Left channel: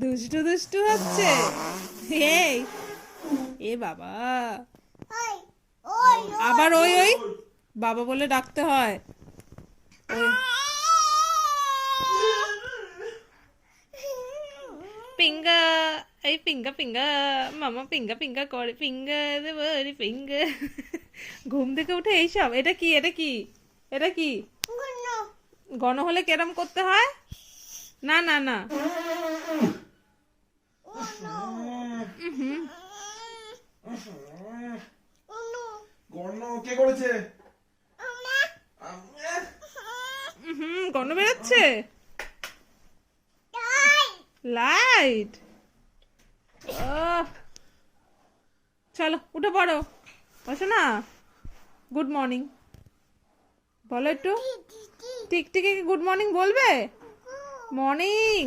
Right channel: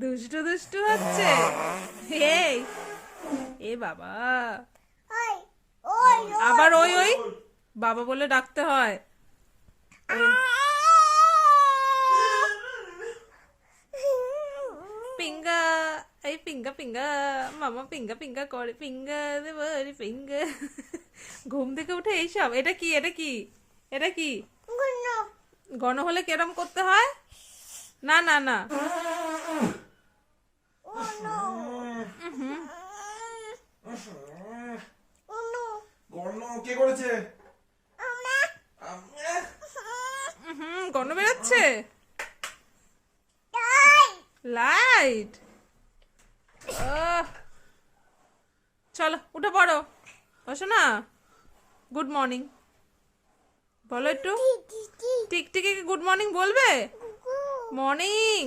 দুষ্টু দুষ্টু হচ্ছে। এই এ বাবা, আবার ওই ওই বাবা বলে ডাকতে হয়। পিঙ্গা, এই পিঙ্গা পিঙ্গা, মামা পিঙ্গা পিঙ্গা করে, পিঙ্গা দেব পিঙ্গা। ঘুম থেকে উঠে এইসব। এটা কি, এটা কি, এটা কি? গণ হলে কেরম করতে হয়? না না না, কে করেছে? গণ বেরোচ্ছে। লাইট, চলো উঠে পড়ো। বসো না। গুড মর্নিং বলো একটু। টিকটিকি গুড মর্নিং বলবে? মর্নিং।